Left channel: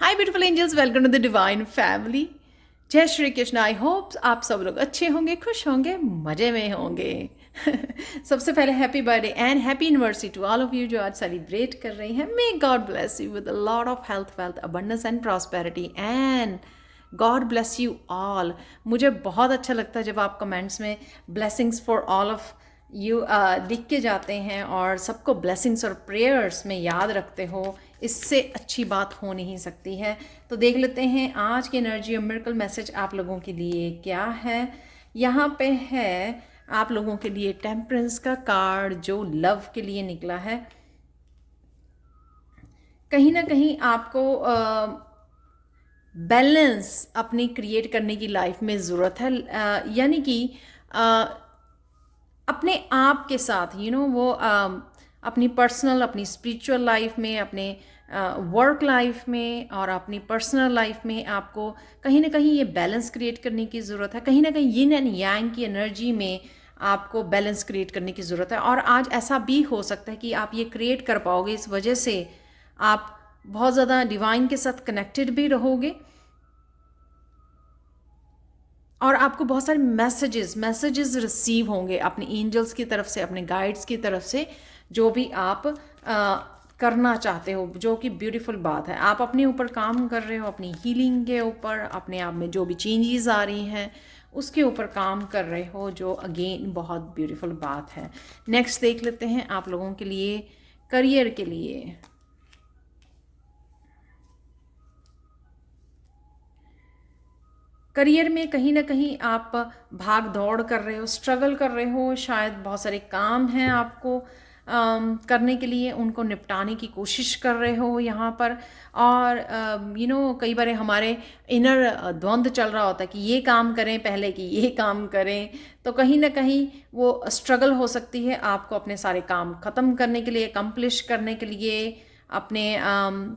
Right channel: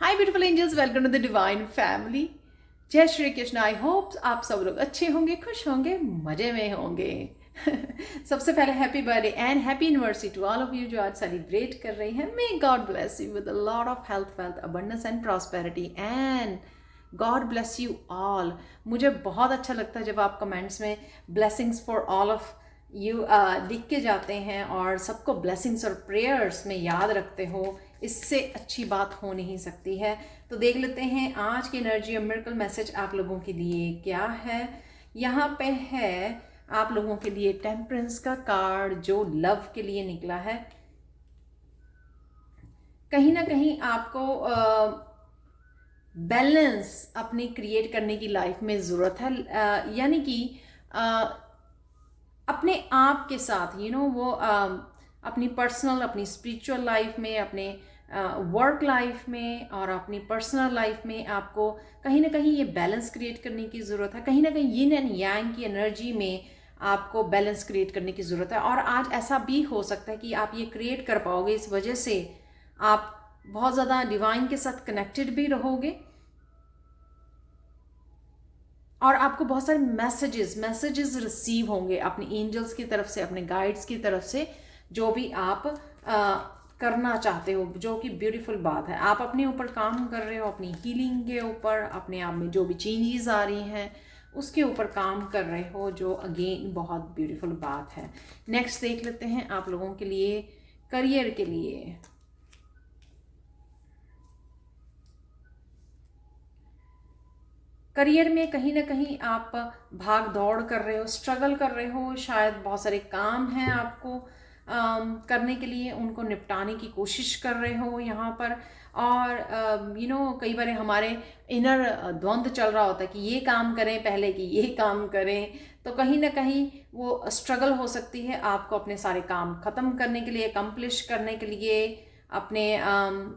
Hi beautiful angels, welcome to the divine family. जय Shri Krishna. I hope आप सब लोग अच्छे होंगे, खुश होंगे, मजे में होंगे। सबसे पहले happy birthday and happy anniversary to all of you जो आज सेलिब्रेट कर रही हैं। May God bless you with a lot of health, wealth, abundance and prosperity and God bless you all. मुझे बहुत अच्छा लगता है जब आप कमेंट्स में blessings for all of you लिख के जाते हैं और सबको ब्लेसिंग्स और प्रेयर्स में याद रखते हो। इससे अच्छी बात हो नहीं सकती है। तो देख लेते हैं आज की एनर्जी और मिरेकल मैसेज आप लोगों के लिए क्या है। यहाँ पे है आप लोगों के लिए टेम्परेंस का कार्ड जो लव के लिए निकला है। कहीं ना कहीं आपको बैलेंस अपनी क्रिएट करने की लाइफ में ज़रूरत है। यानी कि अपने आप के साथ वो अपनी पर्सनल, अपनी स्पिरिचुअल लाइफ में, अपने वर्क लाइफ में और अपनी पर्सनल लाइफ में आपको कहीं ना कहीं ये बैलेंस क्रिएट करने की ज़रूरत है। कहीं ना कहीं यिन एंड यांग की एनर्जी में आपको बैलेंस क्रिएट करने की ज़रूरत है। और आज ऐसा भी हो सकता है कि आप ये क्रिएट कर पाओगे। इस वजह से आप बहुत ज़्यादा डिवाइन के साथ कनेक्टेड भी रहोगे और आपको बहुत सारे मैसेजेस रिसीव होंगे अपने एंजल्स की तरफ से, अपने गाइड्स की तरफ से, जो भी आप करना चाहते हो, जो कि ब्यूटीफुल बात है। आप अपने ऊपर काम कर रहे हो, अपनी हीलिंग के ऊपर, अपने आप में जो भी चेंजेस आ रही हैं उसके ऊपर काम कर रहे हो, जो अगेन बहुत ब्यूटीफुल बात है। नेक्स्ट देख लेते हैं आप लोगों के लिए करियर के लिए। करियर में कहीं ना कहीं आप भाग दौड़ कर रहे हो, स्ट्रगल कर रहे हो। शायद बहुत सारे काम हैं आपको करने के लिए, उनको निपटाने की कोशिश कर रहे हो यहाँ पर। और कई बार हमारे इनर द्वंद्व चल रहा होता है कि ये काम करें पहले कि ये काम करें। तो कहीं ना कहीं वो स्ट्रगल हो सकती है आपको अपने सारे काम ख़त्म करने के लिए, अकम्प्लिश करने के लिए। अपने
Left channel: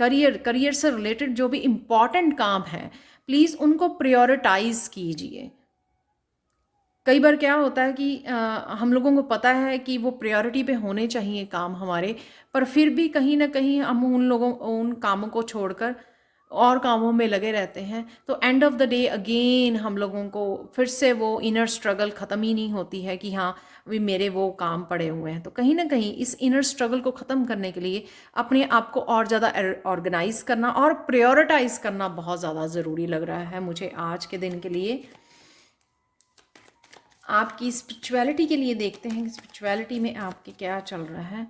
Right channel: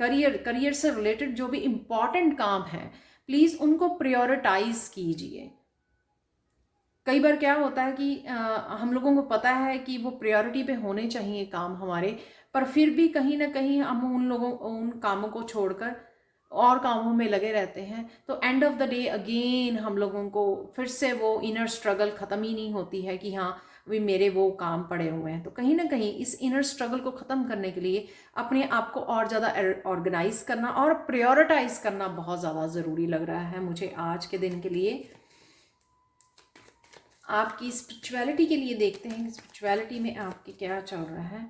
करियर से रिलेटेड जो भी इम्पॉर्टेंट काम है, प्लीज़ उनको प्रायोरिटाइज कीजिए। कई बार क्या होता है कि हम लोगों को पता है कि वो प्रायोरिटी पे होने चाहिए काम हमारे, पर फिर भी कहीं ना कहीं हम उन कामों को छोड़कर और कामों में लगे रहते हैं। तो end of the day again हम लोगों को फिर से वो इनर स्ट्रगल ख़त्म ही नहीं होती है कि हाँ अभी मेरे वो काम पड़े हुए हैं। तो कहीं ना कहीं इस इनर स्ट्रगल को ख़त्म करने के लिए अपने आप को और ज़्यादा ऑर्गेनाइज करना और प्रायोरिटाइज करना बहुत ज़्यादा ज़रूरी लग रहा है मुझे आज के दिन के लिए। आपकी स्पिरिचुअलिटी के लिए देखते हैं कि स्पिरिचुअलिटी में आपके क्या चल रहा है।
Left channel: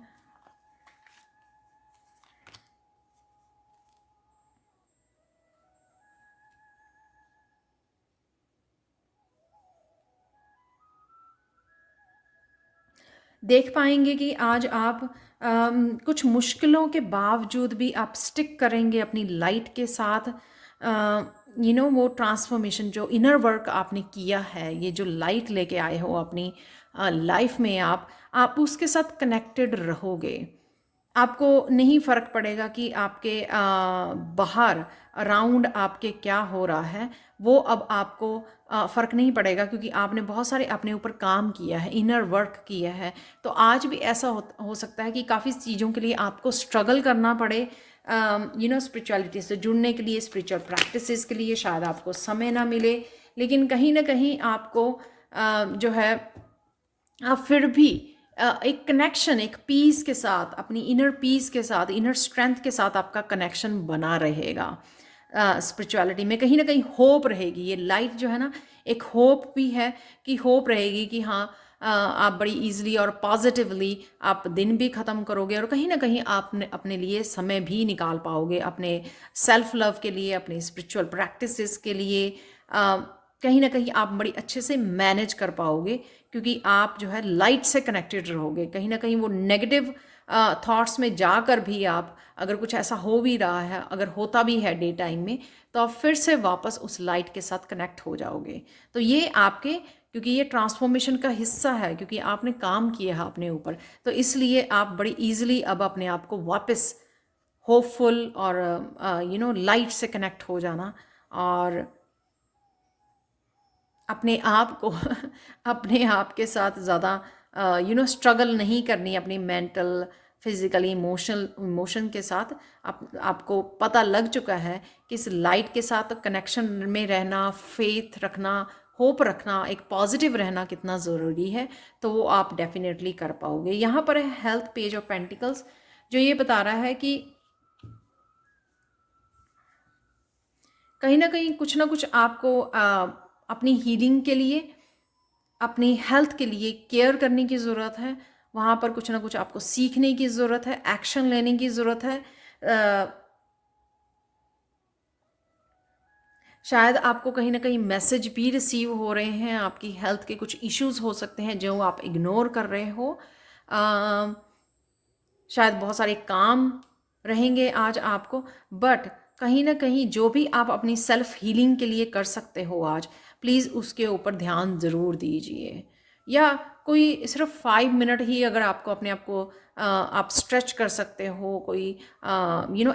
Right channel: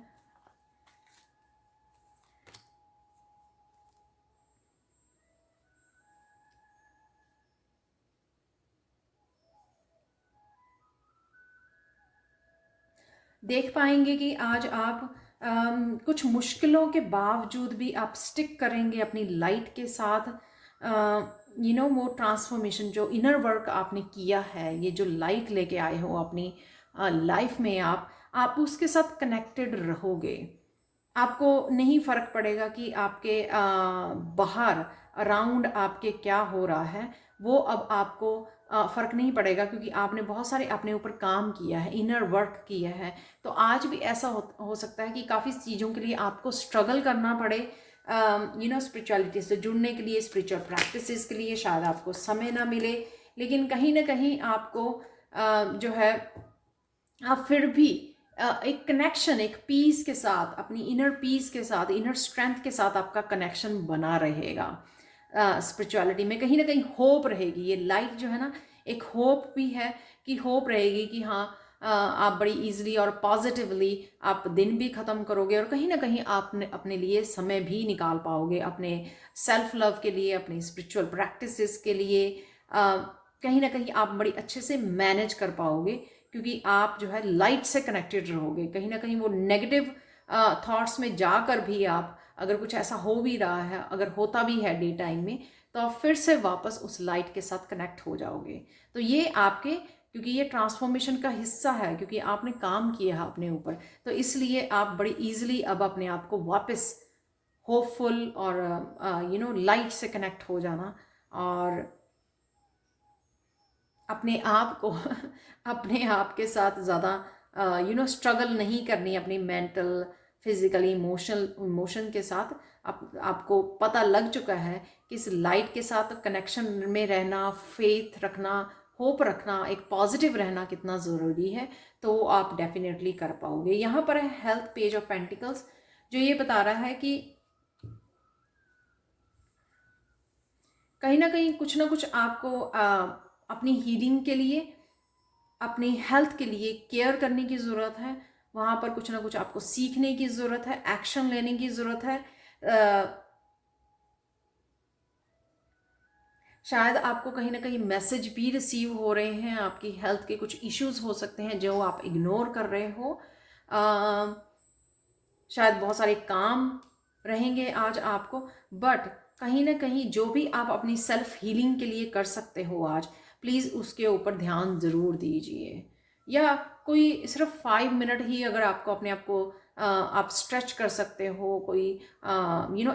देख पाएंगे कि आज आप कुछ मुश्किलों के बावजूद भी आप स्टिक करेंगे अपनी लाइट के साथ। वो ट्रांसफॉर्मेशन जो इनर वर्क आपने किया है, ये जो लाइट लेके आए हो अपनी लाइफ में, आप उसके साथ कनेक्टेड रहोगे। आपको नहीं फ़र्क पड़ेगा कि आपके बाहर अराउंड आपके क्या हो रहा है। वो अब आपको फ़र्क नहीं पड़ेगा क्योंकि आपने बहुत सारे अपने ऊपर काम किया है, इनर वर्क किया है। तो आज भी ऐसा हो सकता है कि काफ़ी चीज़ों के लिए आपको स्ट्रगल करना पड़े। स्पिरिचुअलिटी से जुड़ने के लिए, स्पिरिचुअल प्रैक्टिसेस के लिए शायद आपको समय ना मिले, लेकिन कहीं ना कहीं आपको जो है आप फिर भी एक कनेक्शन, एक पीस के साथ, अपनी इनर पीस के साथ, इनर स्ट्रेंथ के साथ आपका कनेक्शन बना रहेगा। स्पिरिचुअलिटी में कहीं ना कहीं होप रहेगी। ये लाइट जो है ना, एक होप भी है कि होप रहेगी कि हाँ आप बड़ी इजीली और पॉजिटिवली आप दिन भी ख़त्म करोगे और कहीं ना कहीं आपने अपने लिए समय भी निकाल पाओगे, अपने सेल्फ लव के लिए, अपने स्पिरिचुअल प्रैक्टिसेस के लिए। कहीं ना कहीं आप बड़ी अच्छे से मैनेज कर पाओगे क्योंकि आप जो है लाइट से कनेक्टेड रहोगे। कहीं ना कहीं वो नेगेटिव थॉट्स में जाकर भी आप, अगर कुछ ऐसा हो भी रहा है, अगर होता भी है डे टाइम में, तो आप फिर से वापस उस लाइट के साथ कनेक्ट हो जाओगे। तो ये आपके, क्योंकि ये ट्रांसफॉर्मेशन का हिस्सा है, क्योंकि आपने काम किया है अपने ऊपर, तो इसलिए आप बड़ी ईजिली अब अपने आप को वापस होपफुल और लाइट से कनेक्ट हो जाना और अपने आप को अपने आप के साथ ज़्यादा स्ट्रगल नहीं करनी अपनी मेंटल, फिजिकली, इमोशन के साथ। आपको पता लग चुका है कि इस लाइट के साथ कनेक्शन में रहना, फेथ रखना, होप रखना, एक पॉजिटिव रहना कितना ज़रूरी है, तो वो आप डेफिनेटली कर पाओगे। यहाँ पर है हेल्थ पेज ऑफ पेंटिकल्स, जो ये बता रहा है कि कहीं ना कहीं कुछ ना कुछ आपको अपनी हीलिंग के लिए, अपनी हेल्थ के लिए केयर करने की ज़रूरत है। वहाँ पर कुछ ना कुछ आपको सीखने की ज़रूरत है, एक्शन लेने की ज़रूरत है। शायद आपको कहीं ना कहीं मैसेज भी रिसीव हो रहे हैं, आपकी हेल्थ के कुछ इश्यूज हो सकते हैं जो आप इग्नोर कर रहे हो। शायद बहुत सारे काम रहेंगे आज आपको, बट कहीं ना कहीं जो भी आप अपनी सेल्फ हीलिंग के लिए कर सकते हो आज, प्लीज़ उसके ऊपर ध्यान ज़रूर दीजिए। या कोई सिर्फ 5 मिनट ही अगर आपको अपने आप को आप स्ट्रेच कर सकते हो, कोई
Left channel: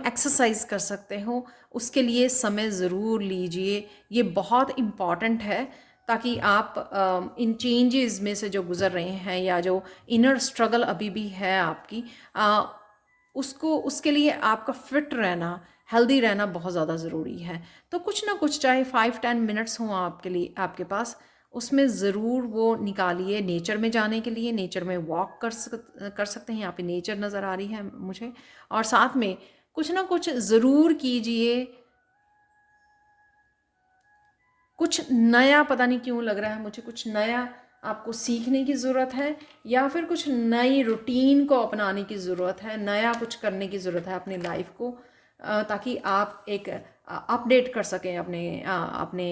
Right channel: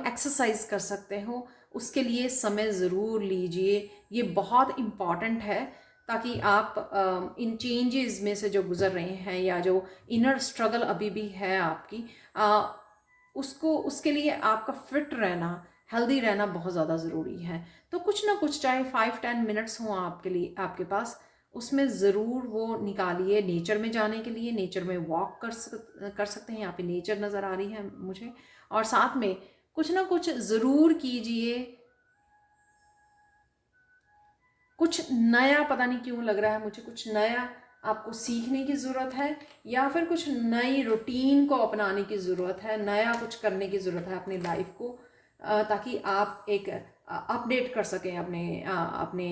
एक्सरसाइज कर सकते हो, उसके लिए समय ज़रूर लीजिए। ये बहुत इम्पॉर्टेंट है, ताकि आप इन चेंजेस में से जो गुज़र रहे हैं, या जो इनर स्ट्रगल अभी भी है आपकी, उसको, उसके लिए आपका फिट रहना, हेल्दी रहना बहुत ज़्यादा ज़रूरी है। तो कुछ ना कुछ, चाहे 5-10 मिनट्स हों आपके लिए, आपके पास, उसमें ज़रूर वो निकालिए नेचर में जाने के लिए। नेचर में वॉक कर सकते हैं। यहाँ पे नेचर नज़र आ रही है मुझे, और साथ में कुछ ना कुछ ज़रूर कीजिए। कुछ नया, पता नहीं क्यों लग रहा है मुझे, कुछ नया आपको सीखने की ज़रूरत है, या फिर कुछ नई रूटीन को अपनाने की ज़रूरत है, नया कुछ करने की ज़रूरत है अपनी लाइफ को, ताकि आप एक अपडेट कर सकें अपने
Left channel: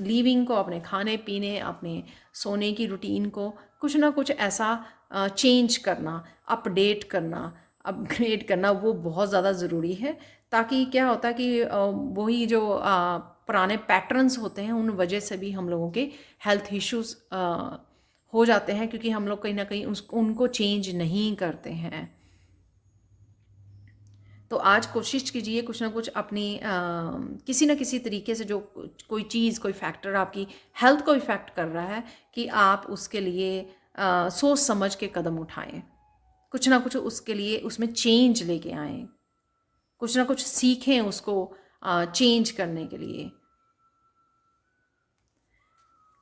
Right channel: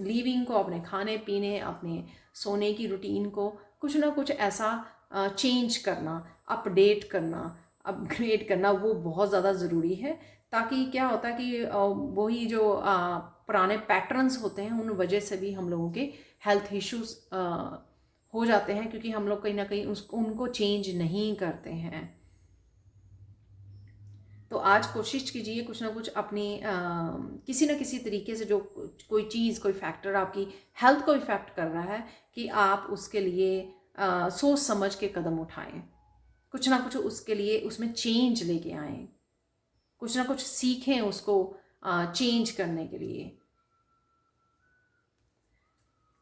लिविंग को, अपने खाने पीने, अपने सोने की रूटीन को। कुछ ना कुछ ऐसा चेंज करना, अपडेट करना, अपग्रेड करना, वो बहुत ज़्यादा ज़रूरी है। ताकि क्या होता है कि वही जो पुराने पैटर्न्स होते हैं, उन वजह से भी हम लोगों के हेल्थ इश्यूज हो जाते हैं, क्योंकि हम लोग कहीं ना कहीं उनको चेंज नहीं करते हैं। तो आज कोशिश कीजिए कुछ ना कुछ अपनी किसी ना किसी तरीके से, जो कोई चीज़, कोई फैक्टर आपकी हेल्थ को इफ़ेक्ट कर रहा है, कि आप उसके लिए सोच समझ के कदम उठाएं। कुछ ना कुछ उसके लिए उसमें चेंज लेके आएं, कुछ ना कुछ सीखें उसको चेंज करने के लिए।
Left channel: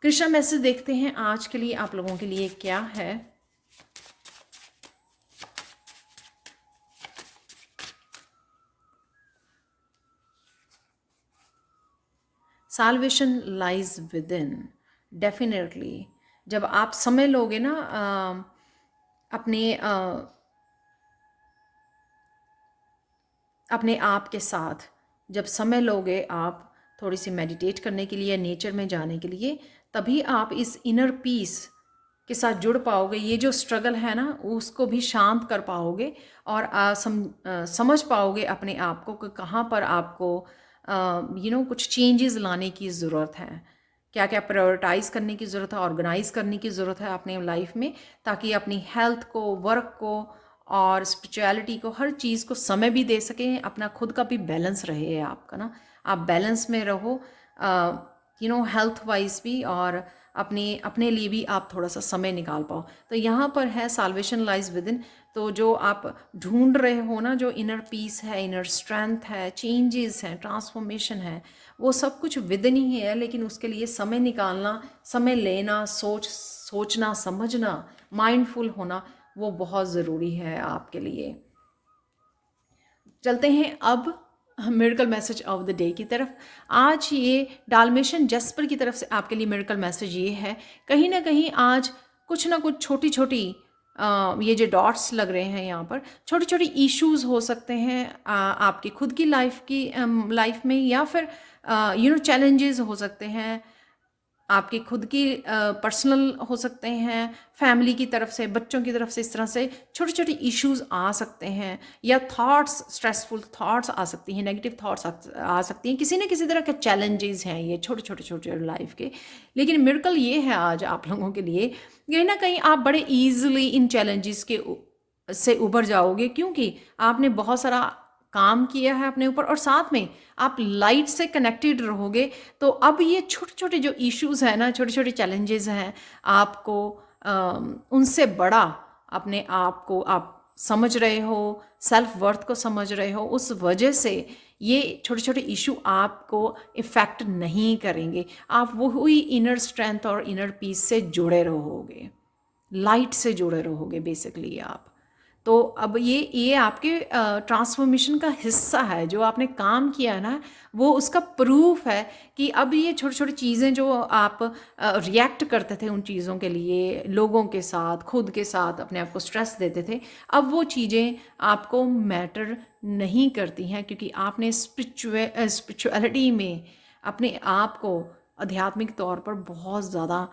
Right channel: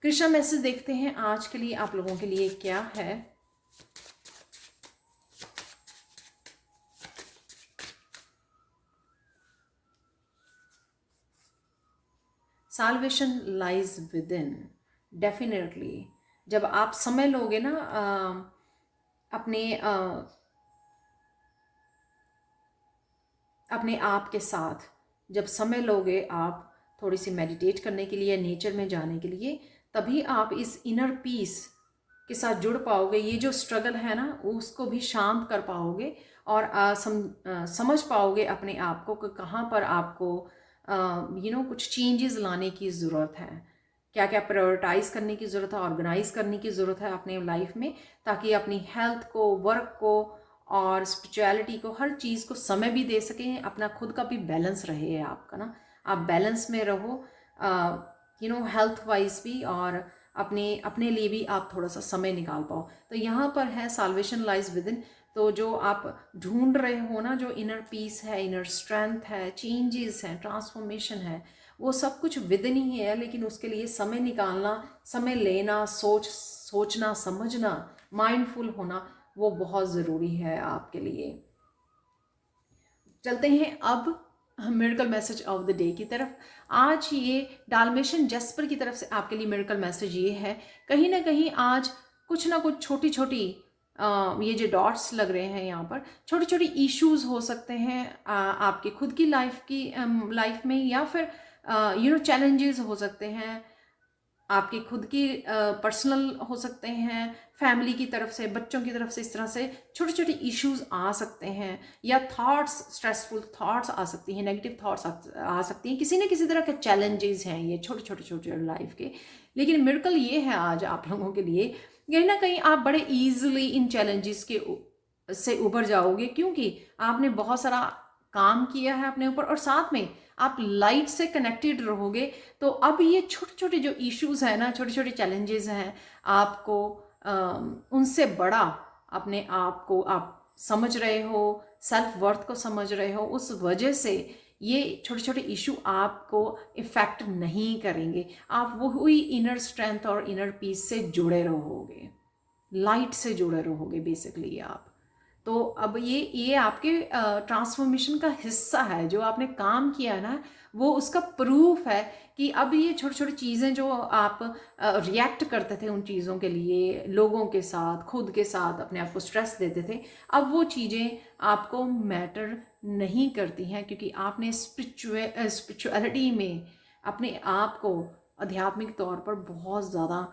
कृष्णा मैसेज देखते हैं आज के लिए आप लोगों के लिए क्या है। Salvation lies within. Definitely जब आप समय लोगे ना अपने आप के साथ, जब समय लोगे आप थोड़ी सी मेडिटेट करने के लिए, नेचर में जाने के लिए, तभी आप इस इनर पीस के साथ जुड़ पाओगे। ये जो स्ट्रगल है ना, उसको भी शांत कर पाओगे, और समझ पाओगे अपने आप को कि कहाँ पर आपको कुछ चेंजेस लाने की ज़रूरत है, क्या क्या प्रायोरिटाइज करने की ज़रूरत है, ऑर्गेनाइज करने की ज़रूरत है अपने लाइफ में, ताकि अपनी हेल्थ को, वर्क को और स्पिरिचुअलिटी को, हर चीज़ को समय भी दे सकें। अपना खुद का भी बैलेंस रहे आपका ना, आप बैलेंस में रहो, हेल्थ वाइज भी, और अपने लिए भी आप थोड़ा सा समय निकाल पाओ। तो यहाँ पर है साल्वेशन लाइज विद इन। तो जो आप ढूंढ रहे हो ना, जो इनर पीस है, इनर स्ट्रेंथ है, चेंजेस हैं, ट्रांसफॉर्मेशन है, वो सब कुछ विद इन ही है। लेकिन उसके लिए समय निकालना, समय लेना, सोचना, समझना, माइंडफुल होना, वो बहुत ज़रूरी है आपके लिए। चलते हैं अब miracle message of the day की तरफ। आज ये डाल्मेशियन जैस्पर की तरफ से आपके लिए मिरेकल मैसेज ये है, कहीं ना कहीं आज कुछ ना कुछ छोटी छोटी ये जो डॉट्स लग रहे हैं यहाँ पर, छोटी छोटी इश्यूज हो सकते हैं आपकी खुद की लाइफ में, या फिर चैलेंजेस हो सकते हैं आपकी खुद की, पर्सनल हो सकते हैं, फैमिली की तरफ से, बच्चों की तरफ से। इस तरह से छोटे छोटे इश्यूज आ सकते हैं, या थॉट्स, स्ट्रेसफुल थॉट्स आ सकती हैं, नेगेटिव थॉट्स आ सकती हैं। किसी न किसी तरह के चैलेंजेस हैं ये छोटे छोटे छोटे लाइफ के। लेकिन मिरेकल ये है आज आप लोगों के लिए, कहीं ना कहीं आप बड़े ईजिली इन चैलेंजेस से उभर जाओगे, क्योंकि आपने बहुत सारा काम किया है अपने ऊपर, और साथ में आप लाइट से कनेक्टेड रहोगे। तो अब ये छोटे छोटे जो इश्यूज हैं ना, छोटे छोटे चैलेंजेस हैं, आपको उनसे बड़ा अपने आप को आप समझ रहे हो, सेल्फ वर्थ को समझ रहे हो, उस वजह से ये छोटे छोटे इशू आपको इफ़ेक्ट नहीं करेंगे। आप वही इनर स्ट्रेंथ और इनर पीस से जुड़े रहोगे, लाइट से जुड़े रहोगे बेसिकली आप। तो अब ये आपके ट्रांसफॉर्मेशन का हिस्सा है, जो आपने काम किया ना, वो उसका प्रूफ है कि अब ये छोटी छोटी चीज़ें जो आप रिएक्ट करते थे उन चीज़ों के लिए, लोगों के साथ, खुद के साथ अपने आप को स्ट्रेस देते थे, अब वो चीज़ें आपको मैटर नहीं करती हैं, क्योंकि आपने स्पिरिचुअलिटी में अपने आप को आध्यात्मिक तौर पर बहुत ज़्यादा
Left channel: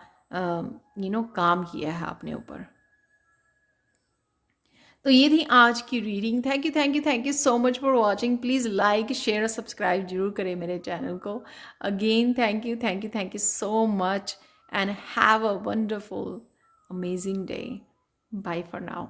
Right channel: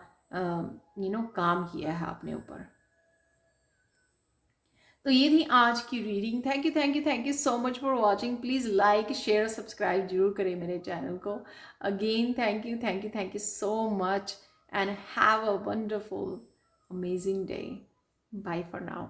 काम किया है अपने ऊपर। तो ये थी आज की reading. Thank you thank you thank you so much for watching. Please like share subscribe जरूर करें मेरे चैनल को। Again thank you so much and have a wonderful amazing day. Bye for now.